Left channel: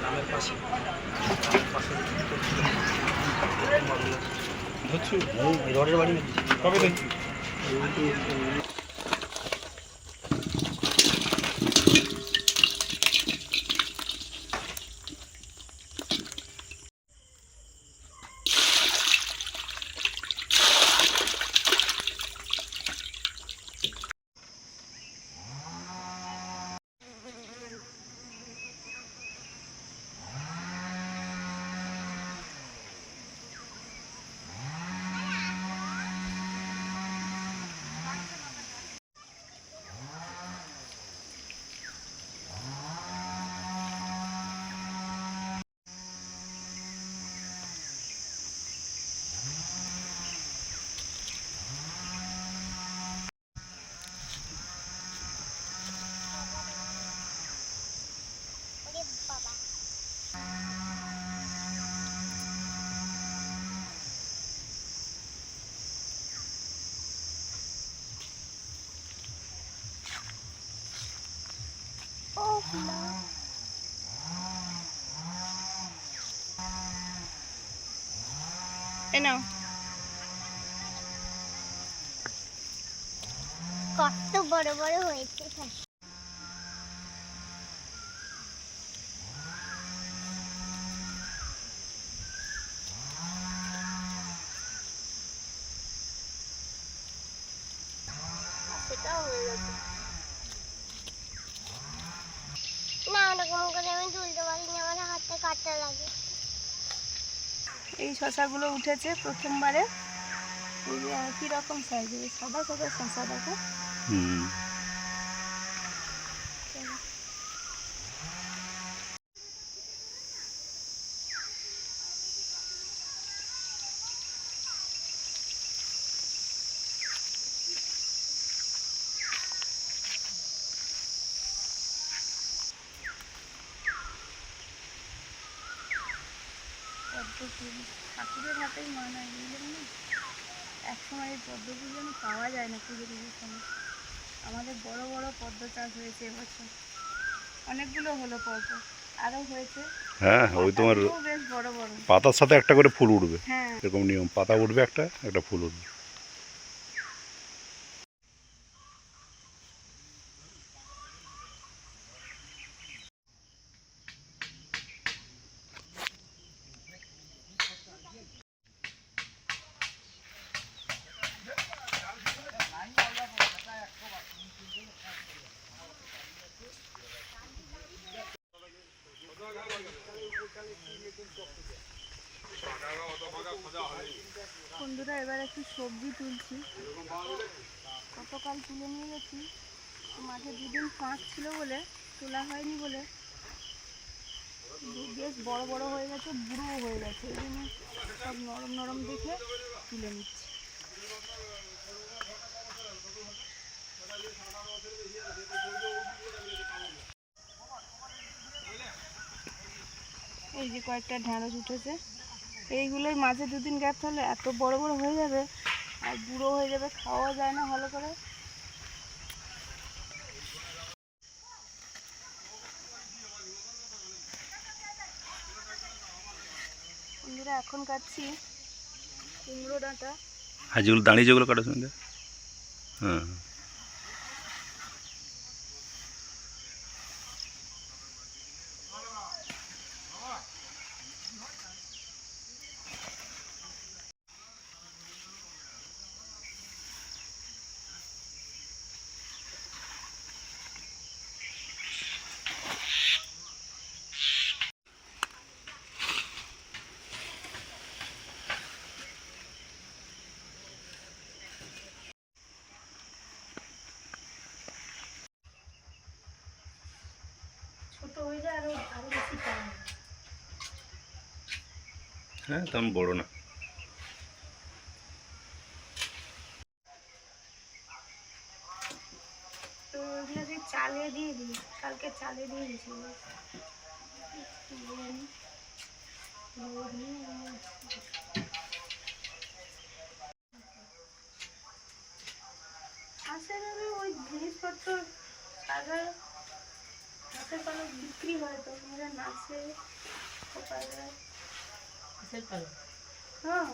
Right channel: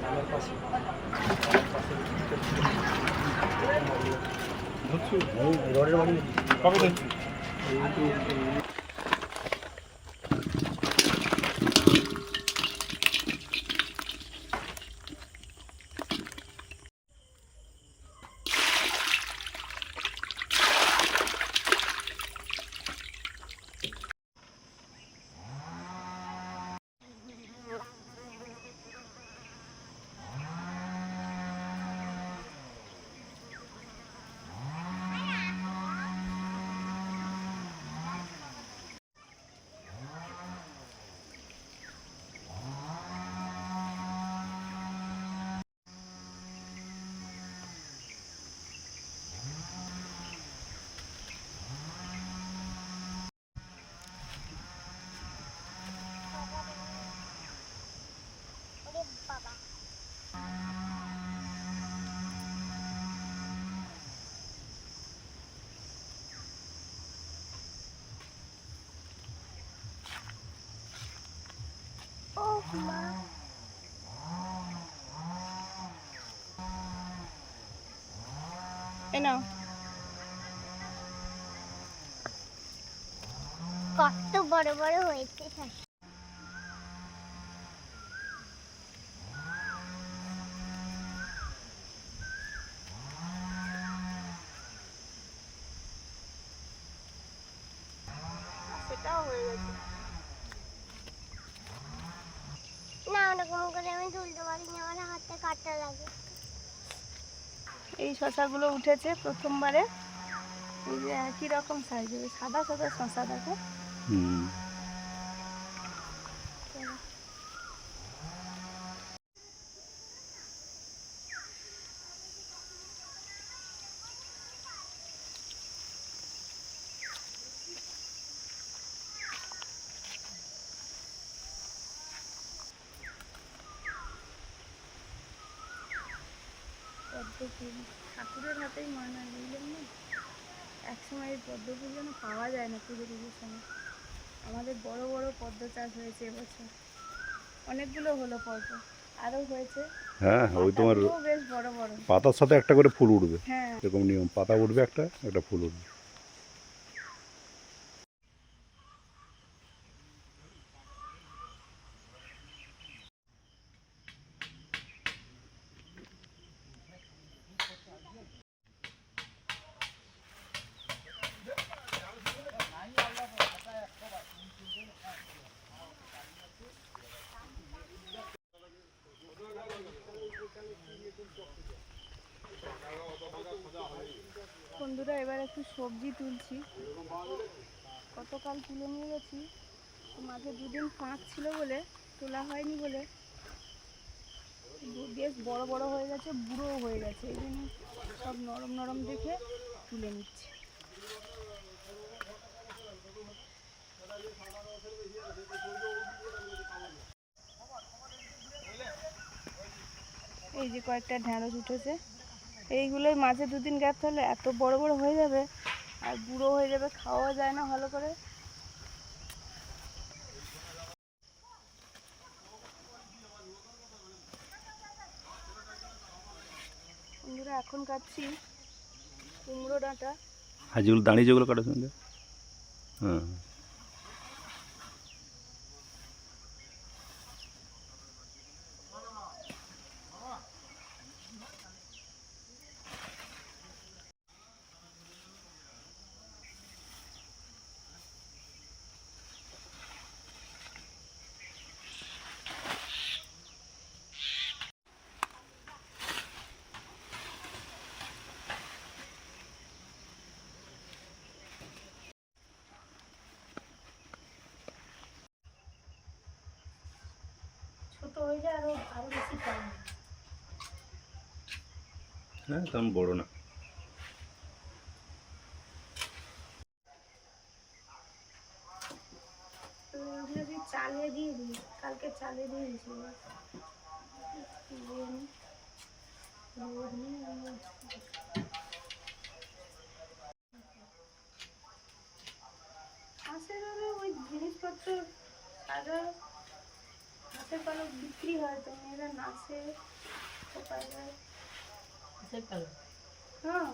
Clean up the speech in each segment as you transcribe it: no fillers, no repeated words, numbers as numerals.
গ্রামের পাশে ধরছি রডের বাড়ি কবে দেখছি নাও কত বড় বড় হয়েছে সেটাও হয়ে গেছে না ওরকম করে আমি তুলতে পারি না আমার হাতে কাটা লাগে এই শশাগুলো উঠেছে প্রথমবারে এই যে একই রকম সাইজের সাদা সাদা শশা দেখো ঠাকুরের হাতেই মনে হয় বুঝলেন না একসময় এই পদ্ম ফুল যেন পাওয়া যায় না পুজো পুজোর সময় আমাদের বড় বড় পদ্ম চাষ হয়েছে এবছর অনেকগুলো হলো পরপর আরও হয়েছে হ্যাঁ ওই তোমার বেশ বড় বড় পাতার সাথে একটা করে ফুল উঠবে হ্যাঁ এরকম নিয়ম পাতা উঠবে একটা একটা ফুল উঠবে বন্ধুরা এবার একটু সবজি তুলছি গতকাল তুলে নিয়ে গেছি মাঝে দুদিন ফাঁক ছিল বলে তোলা হয়নি বলে বেশ বড় বড় হয়ে গেছে বুড়ো হয়ে গেছে এই জন্য সব নরম নরম দেখে তুলে নিচ্ছি এই যে কয়েকটা ঢ্যাঁড়স উঠেছে এইগুলোই মাঝে দুদিন গ্যাপ থাকলে এত বড় বড় হয়ে যাবে আর বুড়ো হয়ে যাবে খাওয়া যায় না ভালো করে বন্ধুরা এখন কাটছি কুমড়ো ডাঁটা আর যেগুলো দাঁড়িয়ে যেগুলো কাটা শুনতে হ্যাঁ ছোট হয়ে যায় আরো আরো বেশি কম হ্যাঁ তেমন বড় না চালে দিয়ে দিই কালকে চালে দিয়ে দিয়েছি আসলে ওই জিনিসপত্র সাজার নাচের পালক বিক্রি হয় তো, মেয়েরা নাচে কোথায় যায়? হ্যাঁ,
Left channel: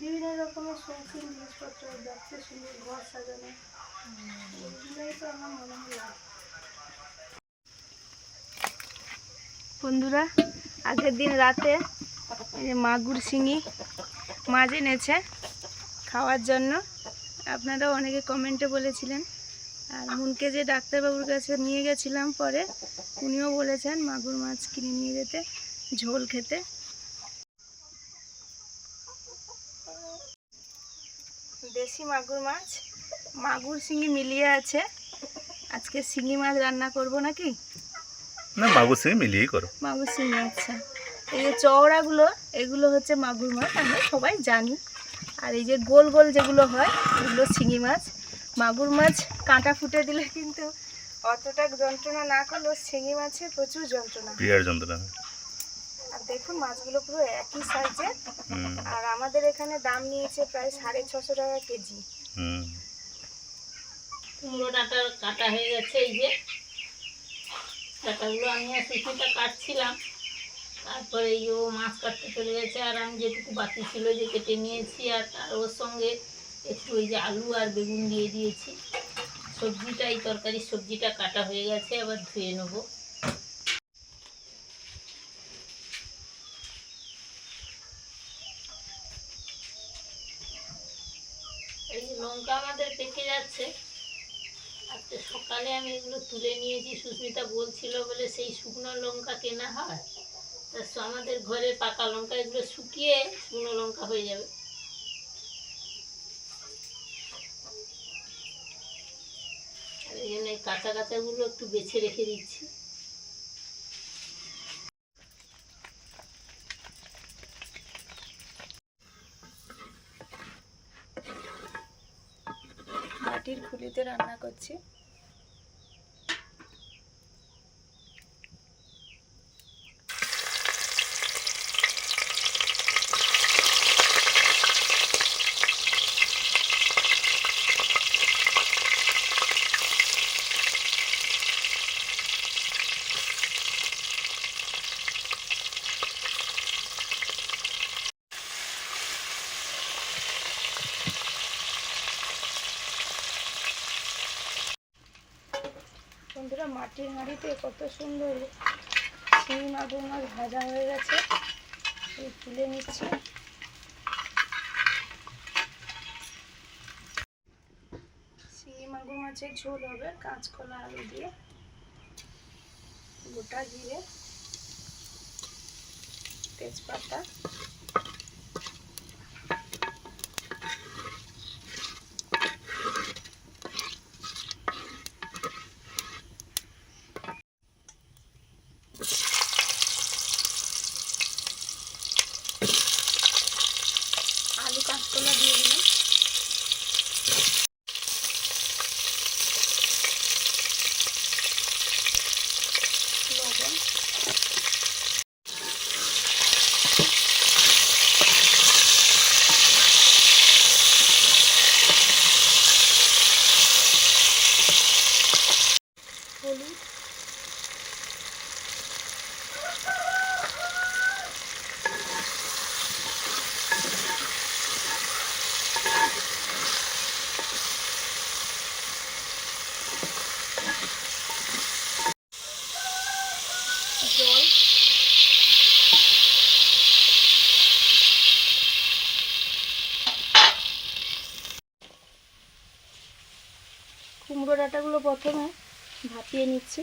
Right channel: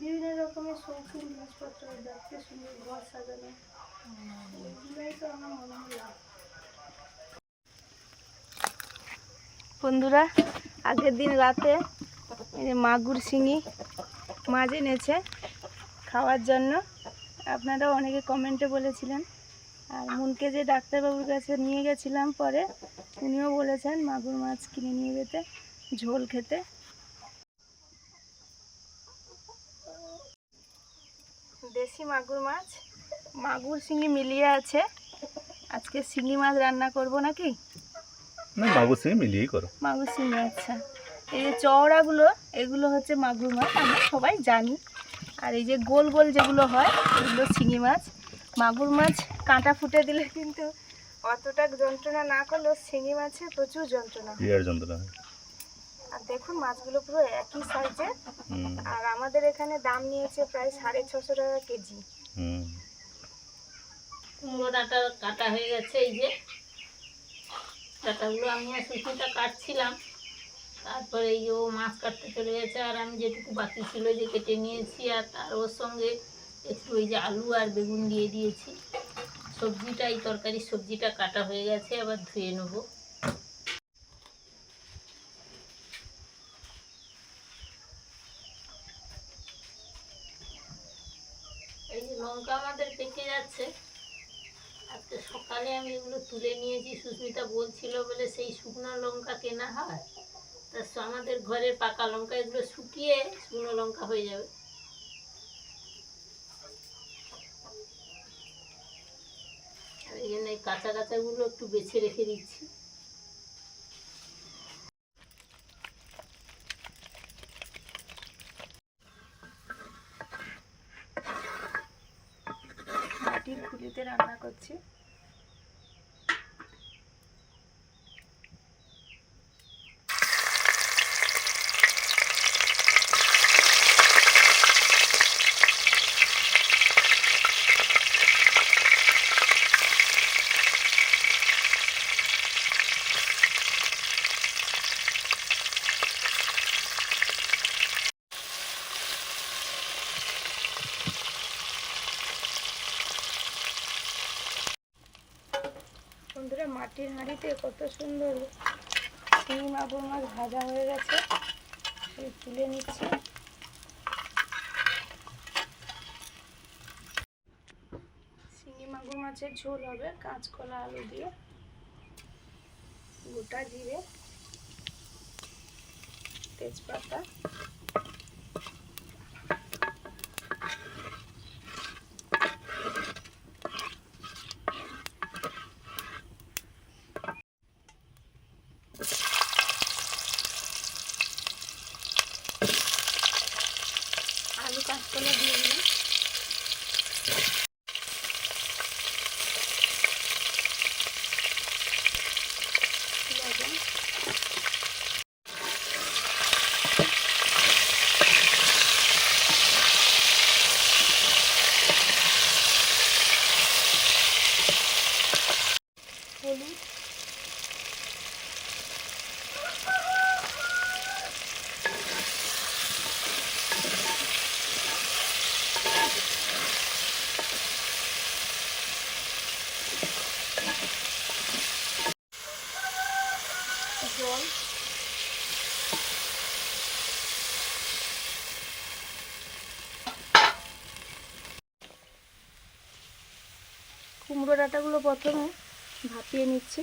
বিভিন্ন রকমের শৌখিন জিনিসপত্র যাচ্ছে, সুন্দর ঘর সাজানো, ওইগুলোই তো আমার মনে হয় লাভ। বন্ধুরা, আগের দিন রাতে এই যে মাগুর শিঙি মাছ এনেছে খাওয়ার জন্য। আপনারা অনেকে কমেন্টে বলেছিলেন, আর মুনকে যে ডাক্তারবাবুর কাছে নিয়ে গেছিলাম পরে, উনিও বলেছেন মাগুর মাছ কিনে নিয়ে যেতে, ঝোল খেতে। দেশি মাগুর মাছ, মাগুর শিঙি মিলিয়ে আছে। আজকে শিঙি মাছ রান্না করব নাকি? না, মাগুর সঙ্গে মিলিয়েই করো। মাগুর শিঙি, আচ্ছা। এই যে চওড়াগুলো, এগুলো হচ্ছে মাগুর মাছ, আমরা সবাই জানি। আর এই যে গোল গোল যেগুলো হয়, এগুলো শিঙি মাছ। মাগুর মাছ কাঁটা ফুটে দিলে কিন্তু অতটা যন্ত্রণা না করলেও শিঙি মাছে প্রচুর যন্ত্রণা, বিরাট যন্ত্রণা। আর দেখুন মাছগুলো পুরো একই সাইজের। আর আমাদের এখানে দাম নিয়েছে প্রায় 650 টাকা কেজি। কুমড়ো ডাঁটা কাটা হয়ে গেছে, এই যে ডাঁটাগুলো আমি আর সুস্মিতা কাটছিলাম, তারপরে এই ও মাছ কাটতে চলে গেছে, আর আমি যেটুকু বাকি ছিল যে কেটে নিয়েছি, আর তার ওর সঙ্গে একটু ওই যে আলু আর বেগুন দিয়ে দিয়েছি। সবজিটা, এই তরকারির সবজিটা কাটা হয়ে গেছে, আবার ধুয়ে নেবো। এই যে লঙ্কা আমাদের পেকে যাচ্ছে, আজকে সকালে আমি এগুলো তুলে নিয়েছি। সুস্মিতা বলছিল বলে সেই শুকনো লঙ্কা কেনা হয়, তা আমাদের ঘরে পাকা লঙ্কা, এগুলো শুকিয়ে শুকনো লঙ্কা হয়ে যাবে। আর এই জন্য এই কাঁচা কাঁচাগুলো একটু বেছে রেখে দিচ্ছি। মাটির খুলিতে রান্না করছি। বন্ধুরা, মাটির হাঁড়িতে কত সুন্দর শিঙি মাগুর মাছ ভাজা হয়ে গেছে, এই তুলে নিচ্ছি। শিঙি মাগুর মাছের ঝোল হবে কাঁচকলা আলু দিয়ে, গোটা জিরে, তেজপাতা, আলু কাঁচকলা দিয়ে দিলাম, লবণ, হলুদ, জল, কুমড়ো ডাঁটাগুলো প্রথমে ভাপিয়ে নিচ্ছি।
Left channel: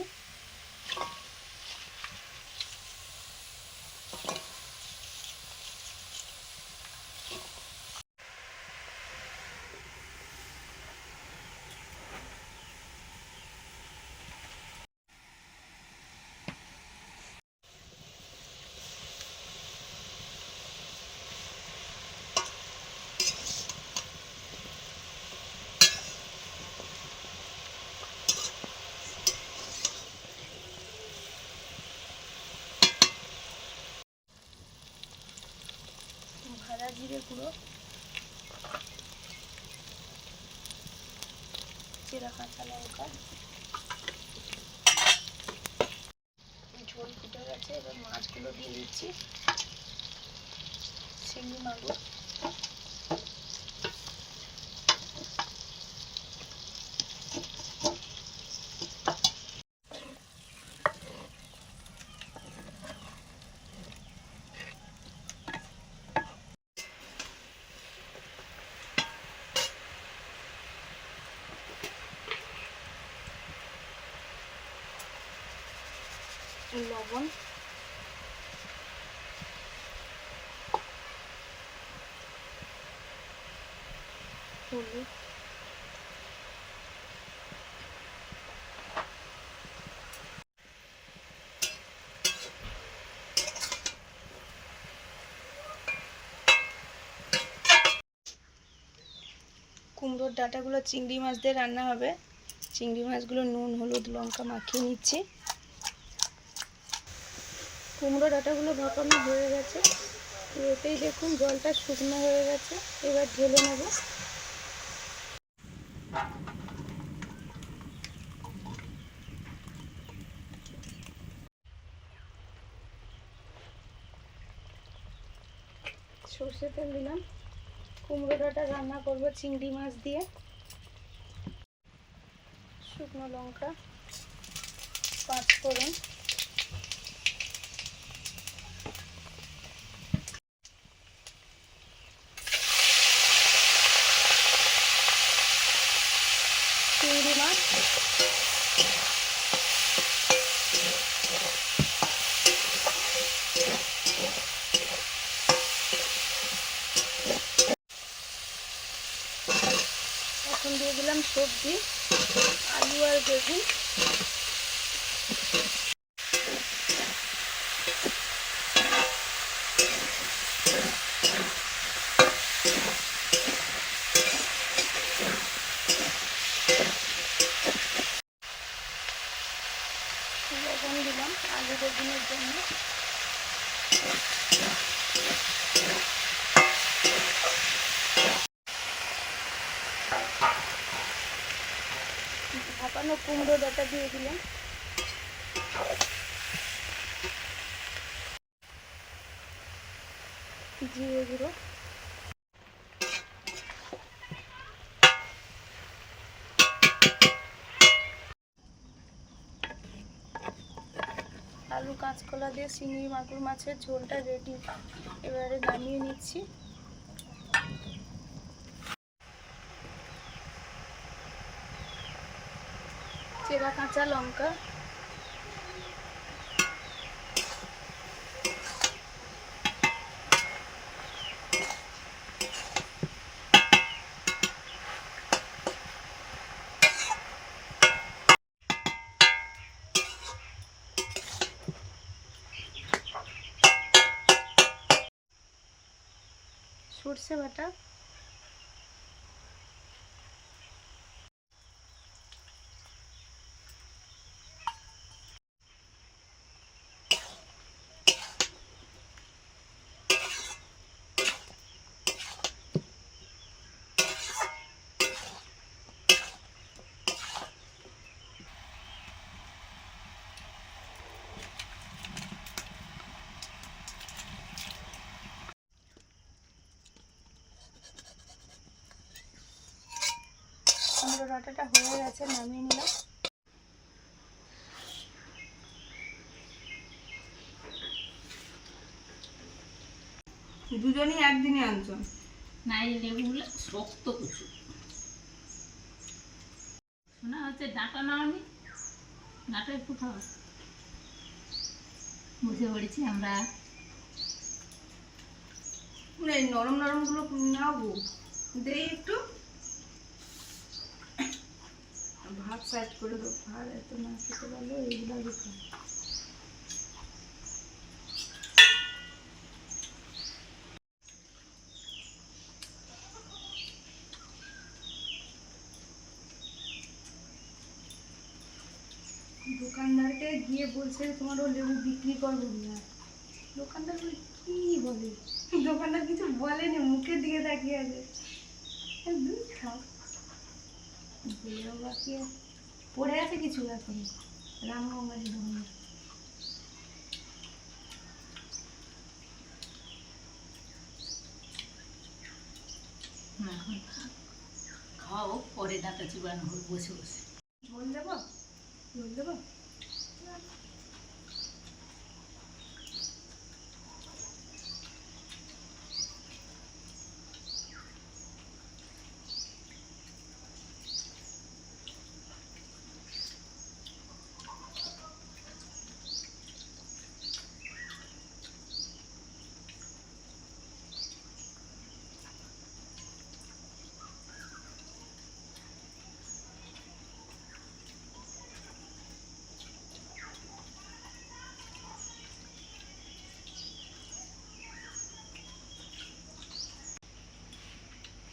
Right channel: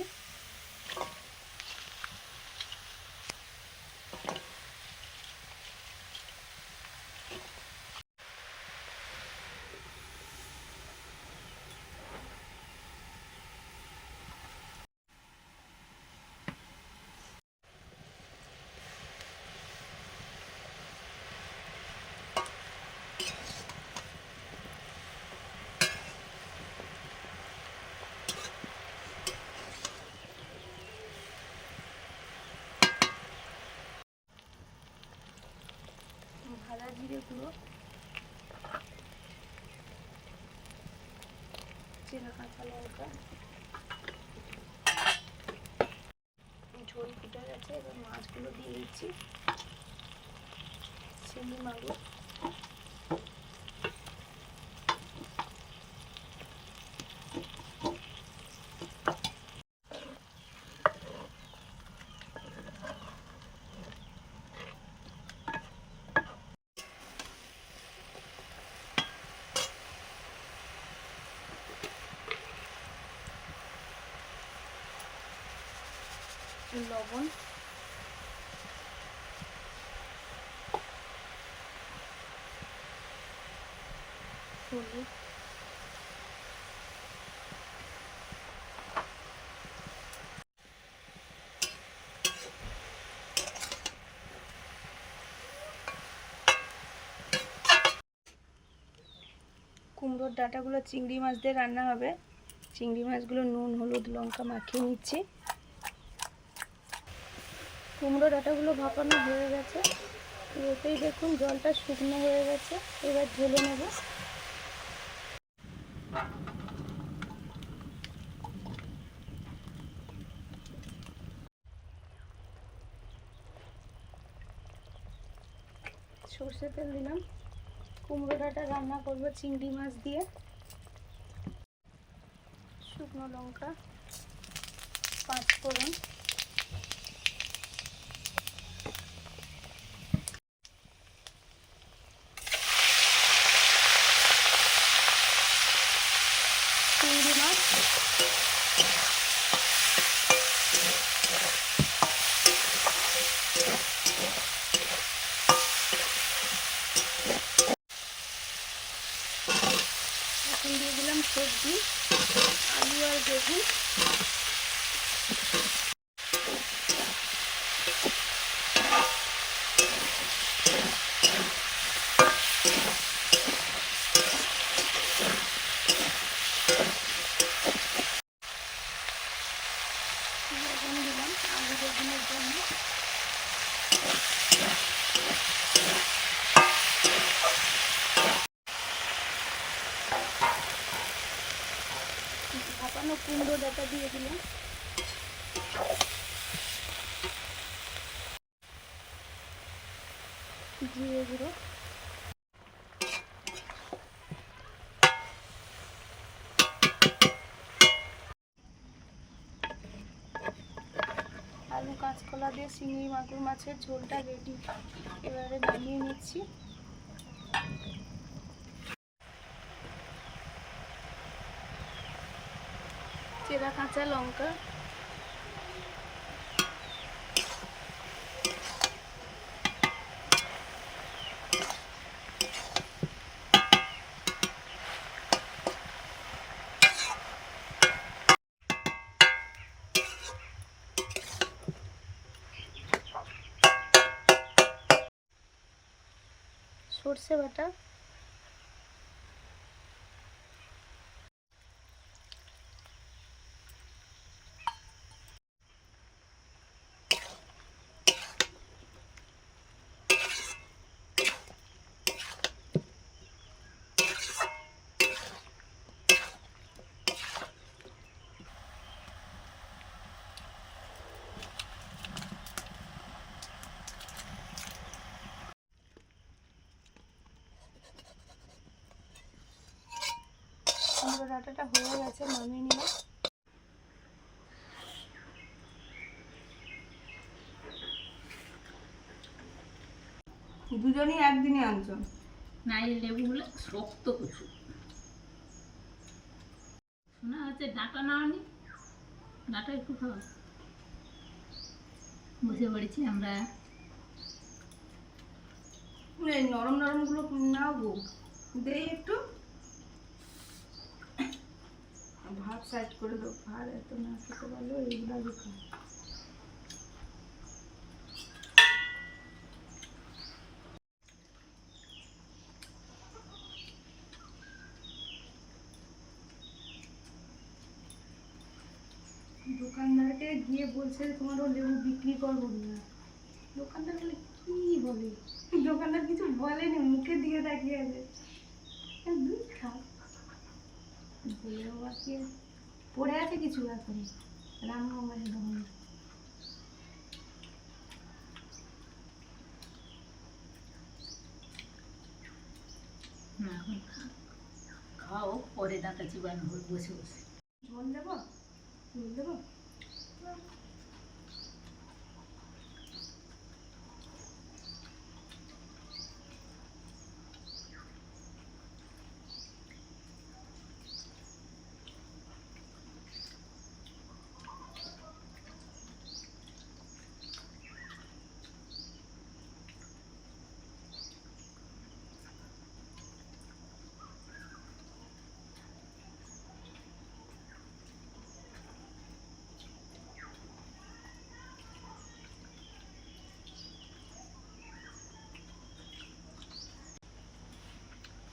ভাজা জিরে গুঁড়ো, জিরা কাঁচা লঙ্কা, ঝোল ফুটে গেছে, এবার মাছগুলো দিয়ে দিচ্ছি, চিংড়ি মাছগুলো। লবণ, হলুদ, কুমড়োর ডাঁটাগুলো চিংড়ি মাছ দিয়ে রান্না হবে। চিংড়ি মাছগুলো নুন হলুদ লঙ্কা মাখিয়ে নিচ্ছি। কুমড়ো ডাঁটাগুলো ভাপানো হয়ে গেছে, এতেই দেখুন জলটা শুকনো হয়ে গেছে, এবার ঢেলে নেব। সর্ষে তেল দিলাম, কুমড়ো ডাঁটা রান্না করবো চিংড়ি মাছ দিয়ে। শুকনো লঙ্কা, পাঁচ ফোড়ন, চিংড়ি মাছ, এখন দিয়ে দিলাম সবজি, আলু আর বেগুন। লবণ দিলাম আলু বেগুনের জন্য। ভাপানো কুমড়ো ডাঁটা দিয়ে দিলাম। জিরে গুঁড়ো, আলু কাঁচকলা দিয়ে চিংড়ি মাগুর মাছের ঝোলটা রেডি। এবারে নামিয়ে নিচ্ছি। চেরা কাঁচা লঙ্কা, সর্ষে বাটা, কুমড়ো ডাঁটাটা হয়ে গেছে, নামিয়ে নিলাম। দুজনই একদিনে আনছো না, এই লেবুগুলো শক্ত কিছু শোনা হচ্ছে। ডাঁটা না, আমি ডাঁটা একটু খাও। বসে পড়েছি আমরা। এই নরম নরম গুলো নাও দেই একটু, ভাত সাইড করে দাও। ভাত এত না খেতে পারলো এইগুলো আগে খাও। দোকানদারকে গিয়ে বলছে তোমারও লেবু বিক্রি করবো না। দোকানদার বলে কি বলে, দোকানদার কিছু বলেনি, মুখের দিকে তাকিয়ে আছে। দুধ খাও বাকি পড়ে আছে কিছু এখন রামগঙ্গার দোকানে। হোক, পরে দাঁতা চিবানো হোক বসে বসে। ঝোল দেবো, ঝোল দেবো।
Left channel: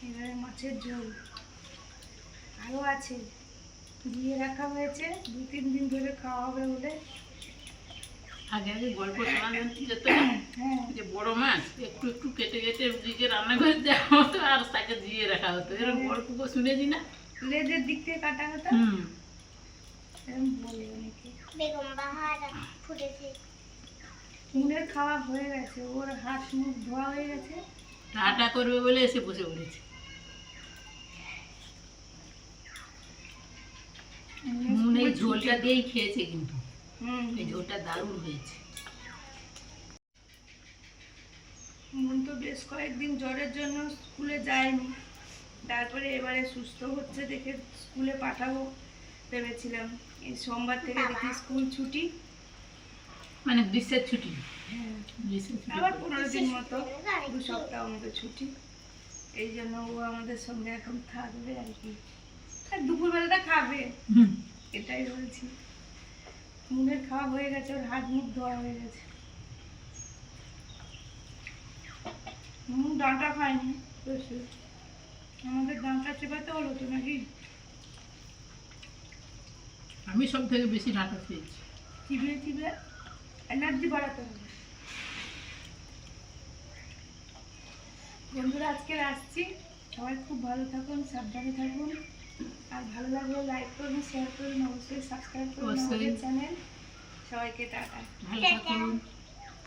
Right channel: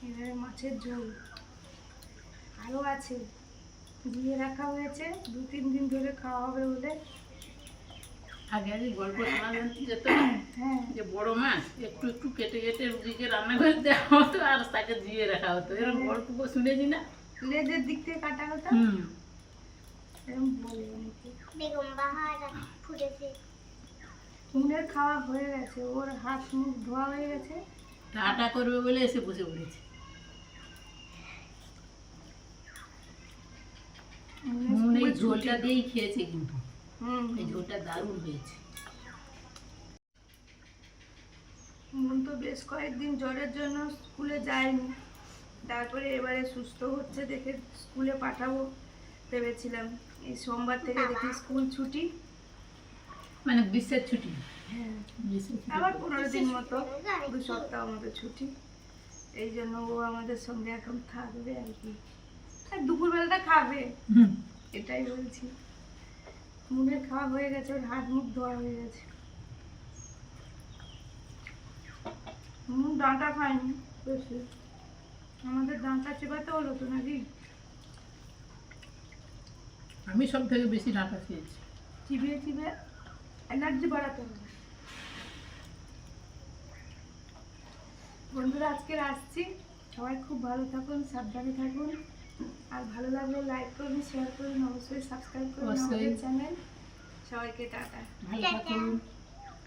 এবারে মাছের ঝোল আরও আছে, দিয়ে রাখা হয়েছে, 2-3 দিন ধরে খাওয়া হবে বলে। আগে আগে গল্প শোনা যেত, হ্যাঁ, যে বড় মাছ একটু একটু কেটে কেটে রুগীকে রান্না করে দেওয়া হতো আর তাকে দিয়ে রাখা হতো, এরকম গল্প শুনেছি না? লেজের দিক থেকে কাটা হতো, এরকম বলে অনেকে। বেগম বাহার ফুটেছে। মুনের খাওয়া হয়ে গেছে, ওর হাত মুখ ধোয়া হয়ে গেছে। টাটা করবে বলে এসে বসে পড়েছে। মনে এই ঝোলটা দিয়েই খেয়েছে, কিন্তু এই ঝোলটা দারুণ হয়েছে। মন তো বেশ কয়েকদিন জ্বরের জন্য স্কুলে যায়নি, তারপরে এবারে সুস্থ হচ্ছে দেখে স্কুলে পাঠাবো ভেবেছিলাম। এই সোমবার থেকে দেখি স্কুল ছুটি, মানে গ্রীষ্মের ছুটি। হ্যাঁ, গ্রীষ্মের ছুটি আবার 15 দিন মতো, 2 সপ্তাহ মতো ছুটি। এই জন্য ও আমাদের সঙ্গে এখন থাকবে আর কি, আর দুপুরবেলাটা খাবে, এটাই বলছি। মুনের খাওয়া হয়ে গেছে, ওর হাত মুখ ধোয়া হয়ে গেছে। ডাঁটা খায়নি বেশি, আমাদের ডাঁটা চেপাতে হলো তো নাকি। আমি সব থেকে বেশি ডাঁটা খেয়েছি। চিবিয়ে চিবিয়ে এনার্জি বাড়াতে হবে। বন্ধুরা, আজকে আসছি, সবাই খুব ভালো থাকুন, সাবধানে থাকুন, আর ভালো লাগলে লাইক করুন, শেয়ার করুন, অবশ্যই সাবস্ক্রাইব করুন আমাদের চ্যানেল। সবাইকে টাটা। ভালো থাকুন।